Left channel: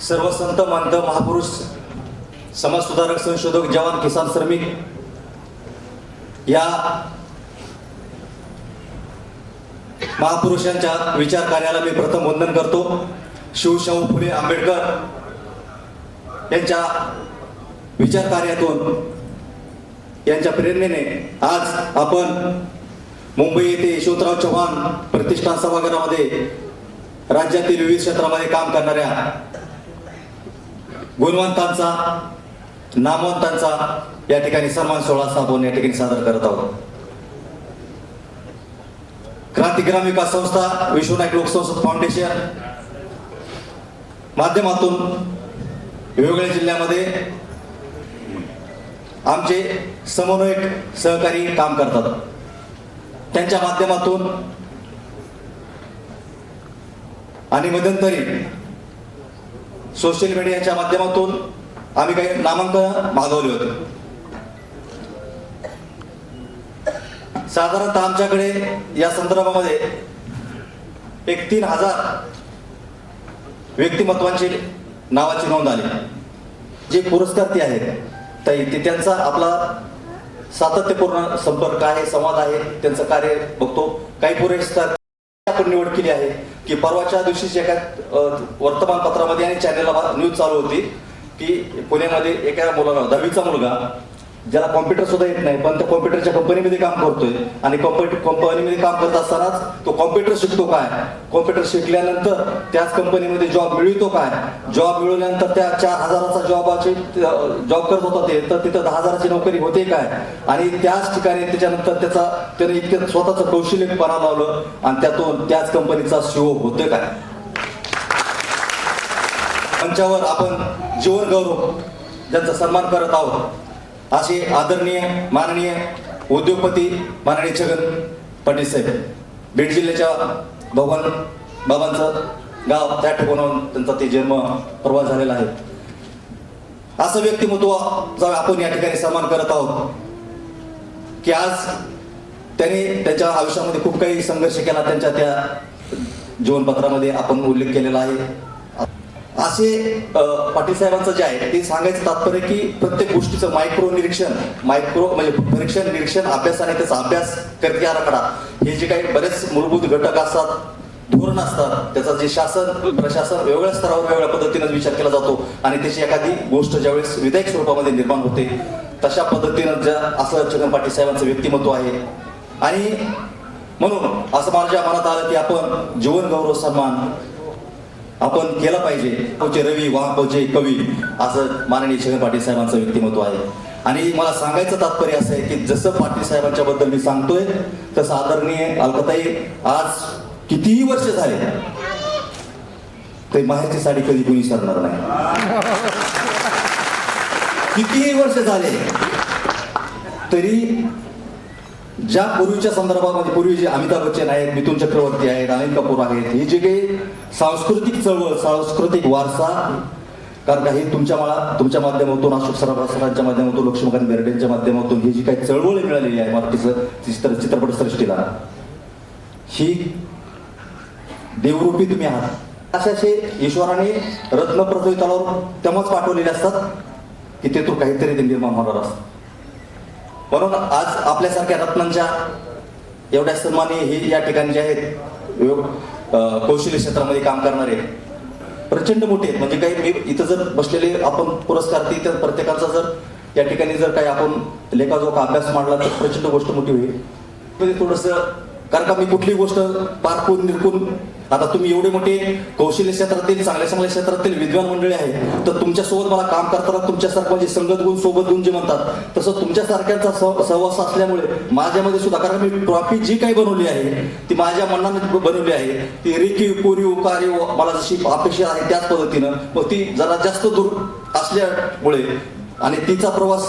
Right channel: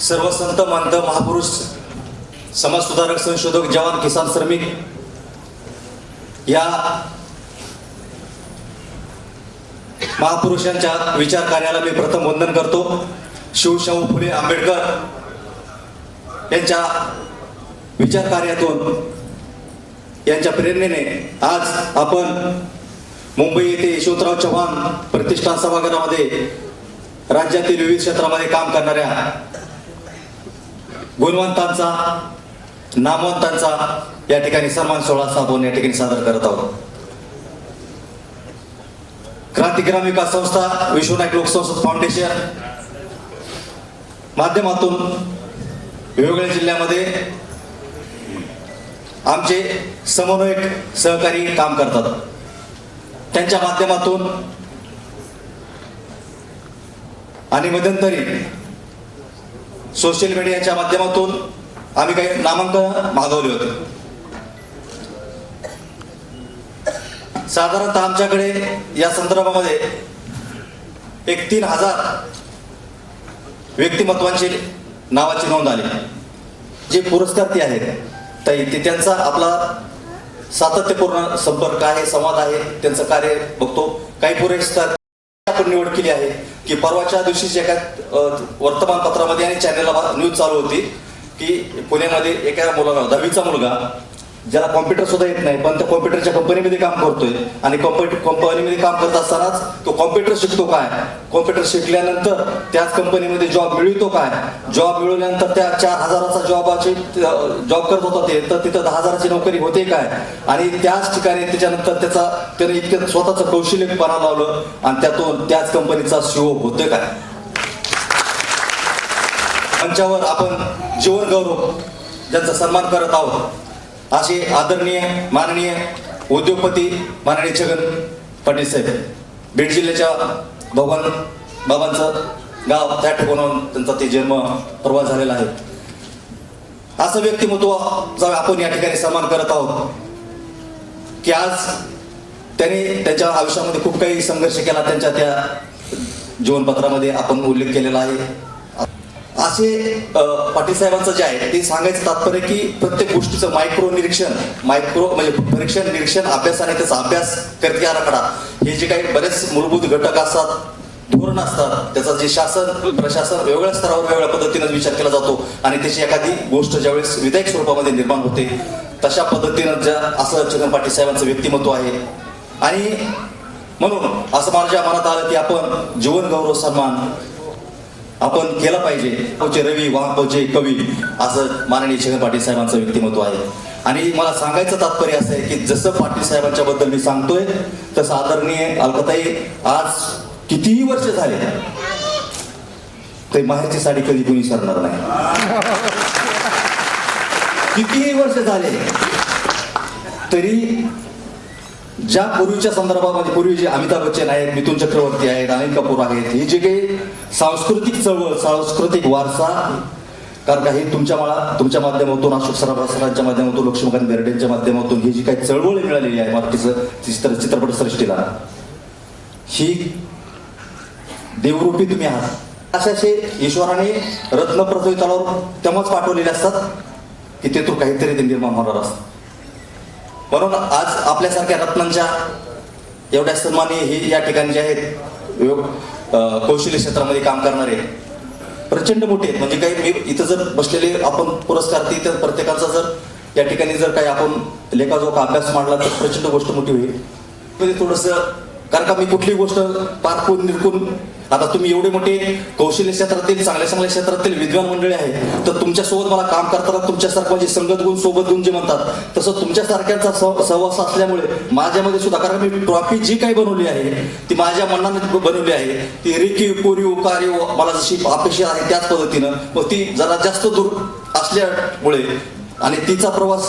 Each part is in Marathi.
सर्व संत मंत महापुरुष समाजसुधारक संशोधक जवान किसान श्रमिक या महापुरुषांच्या विचार कार्याला मी प्रथम वंदन करतो. शिवशाहू फुले आंबेडकर यांच्या विचार कार्यातून यांच्या प्रेरणेने आज आपण मुंबई येथे यशवंतराव चव्हाण प्रतिष्ठान सभागृहामध्ये राज्यातील विविध क्षेत्रामध्ये काम करणाऱ्या गुणवंतांचा नामवंतांचा या ठिकाणी सन्मान सोहळा आपण या ठिकाणी सादर करत आहोत. क्रांतिग्राम विकास संस्था विश्वनायक लोकसंसद फाउंडेशन माध्यमातून वेगवेगळ्या जिल्ह्यामध्ये आमचे समन्वयक सहकारी काम करतात. त्यांच्या माध्यमातून आणि मध्यंतरी सोशल मीडियाच्या माध्यमातून आम्ही काही नामांकन मागवले होते. साधारणतः आमच्याकडे या संदर्भामध्ये एक तीन हजार व्यक्तिमत्वांची नावाची नोंद आली. जे पुरस्कार ते आहेत. ताई ते त्यांचा आपला सातत्यपूर्ण संपर्क आहे संवाद आहे त्यांचं कार्य बघतो. काही पुरस्कार आपण निवड केली आहे की परवाच्या दिवशीच एका वर्तमानपत्रामध्ये आणि चॅनलला न्यूज चालू होती की पुण्यामध्ये एका मुलाला दहावीचा मुलगा ज्याला कॉम्प्युटर सुद्धा येत नाही पण त्या कॉम्प्युटरच्या कंपनीमध्ये काम करतोय. आणि कंपनीमध्ये काम करत असतानाच तो कॉम्प्युटर शिकतो काय? कॉम्प्युटर शिकल्यानंतर त्याच कंपनीमध्ये जॉब मिळतो काय? जॉब मिळवल्यानंतर त्या चार हजाराचा जॉबाची जॉब करत होता ते तर तिथं दहा हजाराची नोकरी होते काय? आणि त्याच ठिकाणी त्याच्यानंतर त्याचा त्याने इतकं स्वतःचं कौशल्यपणा लावलं आणि त्यातून त्याच कंपनीचा सीओ होतोय काय? मंचावर आपण जीवन गौरव ज्यांचा सन्मान करत आहोत असे आदरणीय माननीय उद्योगपती माननीय छगन पाटील साहेब. बीड जिल्ह्याच्या भगवान बाबांचं गाव त्या ठिकाणाहून त्यांचा ते जन्म प्रवास झालेला आहे. असं व्यक्तिमत्व जर आपण या ठिकाणी सन्मान करत आहोत की आज त्याने त्याच्या आयुष्यामध्ये खूप काही संघर्ष केला त्यांच्या त्या जीवनपत्रामध्ये आपण उल्लेख केलेला आहे. असे पाटील साहेबांचं जे आहे ते सांगायचं तात्पर्य की प्रत्येक गोष्टीचं मायक्रो निरीक्षण मायक्रो म्हणजे परीक्षण निरीक्षण अभ्यास आणि त्याचा अभ्यास करते आराखडा. हे जे काही बरेच मूलभूत घटक असतात धोरण असतात त्याचा जे शासन प्रशासन वेगवेगळ्या स्तरावर वेगवेगळ्या पद्धतीनं विचार केला जातो आणि त्याची एखादी गोष्ट ज्यावेळेस विधायक स्वरूपामध्ये निर्माण होते तशा पद्धतीनं ज्या असं छगन पाटील साहेबांचं व्यक्तिमत्व आहे. आणि म्हणून असं माझ्या मनात आलं की आपण जीवन गौरव सन्मान आपण केलं पाहिजे. पोचे रवी पोचे कवी असं माननीय छगन पाटील साहेबांचं व्यक्तिमत्व आहे. आणि मला सांगायचं तात्पर्य असं आहे की जसं पाटील साहेबांच्या बद्दल मी सांगतोय तसं आदरणीय अलकताई आज कितीही वर्ष झाले ते माहेरची साडी कधी कोणी सरणार नाही. कितीही वर्ष झाले तरी ज्या पूर्वीच्या संदर्भामध्ये पूर्वी जे अमिताभ बच्चन आहेत मिथुन चक्रवर्ती आहेत अनिल कपूर आहेत हे जे काही सांस्कृतिक चळवळ सांस्कृतिक वारसा कारण का हे तुमच्या मला तुमच्या माध्यमातून अशोक सराफ सरांच्या माध्यमातून लक्ष्मीकांत बेर्डेंच्या माध्यमातून ही जी काही चळवळ मिळालेली आहे मराठीचं चित्र चित्रपट सृष्टीला ही देवरूपी तुम्ही आहात. असे असे ईश्वराने रत्न पृथ्वी तलावर तेव्हाच पाठवलेले असतात की तेथून काहीतरी ते निर्माण होणार असतात म्हणून आज आपल्यासारख्या रत्नांच्या एवढ्या सन्मानी हे या ठिकाणी जे आहेत योग- कौशल्य क्षेत्रामध्ये काम करणारे प्रचंड मोठे आहेत. म्हणजे काही मी इथं जर बसलेले आपण पुरस्कार ती तर प्रत्येकाचा जर या ठिकाणी जर काही आपण लेखाजोखा अभ्यास मांडला तर प्रचंड गोष्ट मोठी होईल. म्हणजे थोडस कारण का मी कुठली गोष्ट पारखून निरखून आता तुम्ही एवढे मोठे कौशल्य क्षेत्रातील चांगल्या चांगल्या क्षेत्रातील विद्वान मंडळी आहे तर तुमच्यासोबत मला काम करताना तुमच्यासारखं म्हणजे संगत गुण सोबत गुण जे म्हणतात तसं तुमच्यासारख्यांचा सहवास असल्यामुळे माझ्यामध्ये सुद्धा कारण मी ट्रॉफी जी काही बनवली आहे ती माझ्या मनाने बनवली आहे ती रेखीव कोरीव कार्य मला जशी अपेक्षा आहे त्याच पद्धतीनं मग ती जरा जास्त दूर असल्यामुळे आणि तिचा प्रवास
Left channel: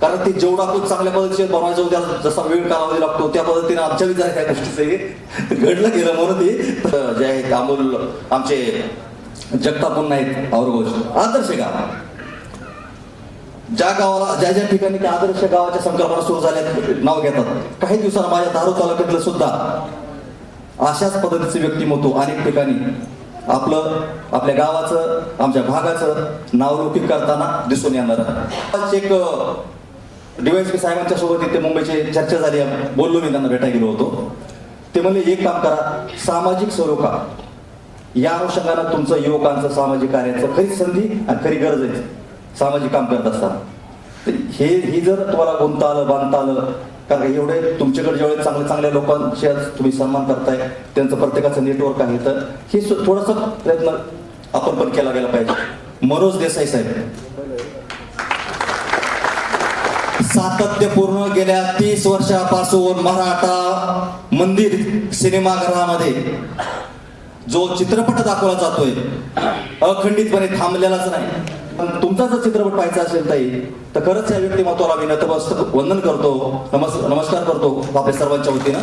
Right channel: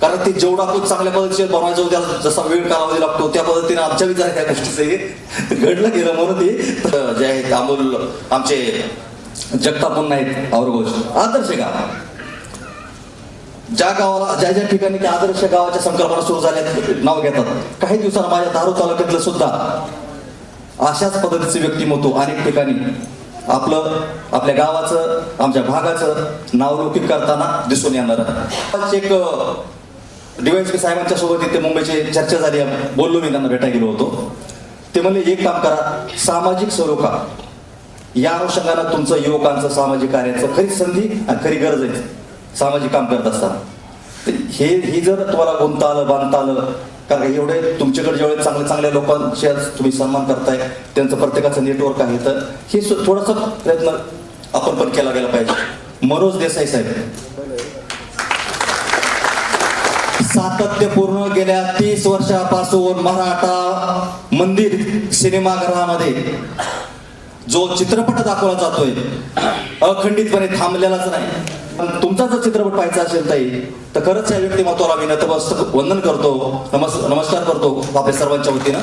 कारण ते जेवढा आपण चांगल्या पद्धतीने बनवायचं त्याला जसा वेळ कालावधी लागतो त्या पद्धतीने आमच्या विचार या गोष्टीचं हे घडलं गेलं म्हणून ते. जे आहेत अमोल आमचे जगताप मुन्ना आहेत औरंगाबाद आदर्श गाव. ज्या गावाला ज्या ज्या ठिकाणी त्या आदर्श गावाच्या संकल्पना सुरू झाल्या नाव घेतात. काही दिवसांना माझ्या धारू तालुक्यातलं सुद्धा अशाच पद्धतीचे व्यक्तिमत्व अनेक ठिकाणी आपलं आपल्या गावाचं आमच्या भागाचं नावलौकिक करताना दिसून येणार एक डीवायसपी साहेबांच्या सोबत इथे मुंबईची चर्चा झाली. बोललो मी त्यांना भेटायला गेलो होतो. ते म्हणले एक काम करा सामाजिक सरोकार या अनुषंगानं तुमचं युवकांचं सामाजिक कार्याचं खरी संधी आणि खरी गरज आहे. सामाजिक काम करत असताना. तर हे ही जर तुम्हाला गुंता आलं बांधता आलं कारण एवढे तुमच्याकडे जेवढे चांगल्या चांगल्या लोकांचे तुम्ही सन्मान करताय त्यांचं प्रत्येकाचं नेटवर्क आहे तर हे थोडासा प्रयत्न आपण पण केला गेला पाहिजे. मनोज देसाई साहेब सातत्यपूर्ण गेल्या तीस वर्षापासून मराठा मंदिर सिनेमागृहामध्ये जो चित्रपट दाखवला जातोय अखंडितपणे थांबलेलाच नाही. पण तुमचा जर चित्रपट पाहायचा असेल ताई तर खरंच या व्यक्तिमत्वाला मी नतमस्तक वंदन करतो. नमस् नमस्कार करतो आपल्या सर्वांच्या वतीनं.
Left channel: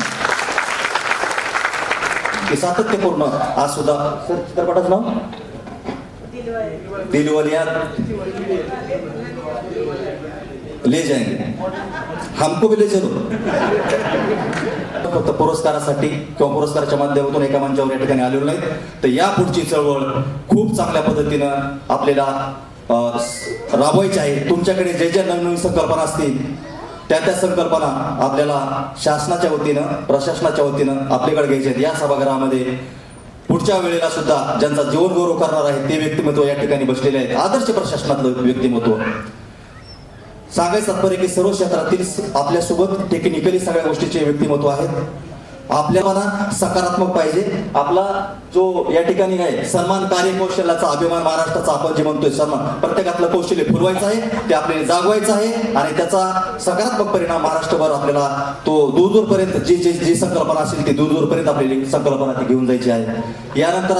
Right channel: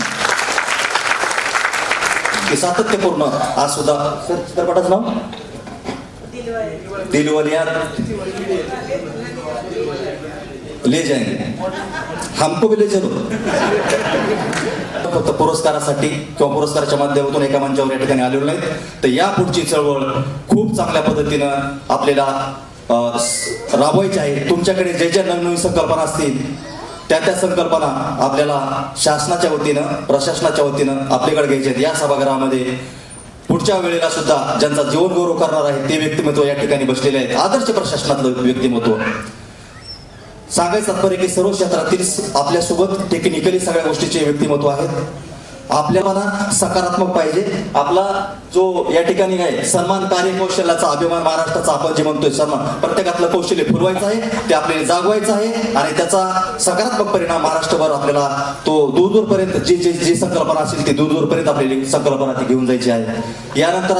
की सातत्यपूर्ण आज सुद्धा. सर चित्रपटाचं नाव? दिलवालिया. ले जाएंगे। हमको भी ले चलो। फक्त पुरस्कारासाठी किंवा पुरस्काराच्या माध्यमातून एका मंचावर या ठिकाणी आलेलो नाहीत. तर या पुढची चळवळ खूप चांगल्या पद्धतीनं आपल्याला राबवायची आहे. तुमच्याकडे जे ज्या नवनवीन संकल्पना असतील त्या त्या संकल्पना आपल्याला शासनाच्या वतीनं प्रशासनाच्या वतीनं आपल्याकडे घ्यायच्या आहेत. या सभागृहामध्ये पुढच्या वेळेला सुद्धा ज्यांचा जीवनगौरव करणार आहे ते व्यक्तिमत्व या ठिकाणी बसलेले आहेत. आदर्श प्रशासनातलं व्यक्तिमत्व. सांगायचं तात्पर्य की सर्व क्षेत्रातील आपल्यासोबत टेक्निकली सगळ्या गोष्टीचे व्यक्तिमत्व आहेत. आपल्याला सकारात्मक पाहिजे. आपला जो या ठिकाणी आहे सन्मान कार्यकौशल्याचा अभिमान महाराष्ट्राचा आपण जे म्हणतोय सन्मान प्रत्येकातलं कौशल्य फुलवायचं आहे ते आपल्याला जागवायचं आहे आणि त्याचा सकारात्मक परिणाम महाराष्ट्रभर आपल्याला तो दूर दूरपर्यंत जी जी जी संकल्पना असेल ती दूर दूरपर्यंत आपल्याला संकल्पना ती घेऊन जायची आहे. यानंतर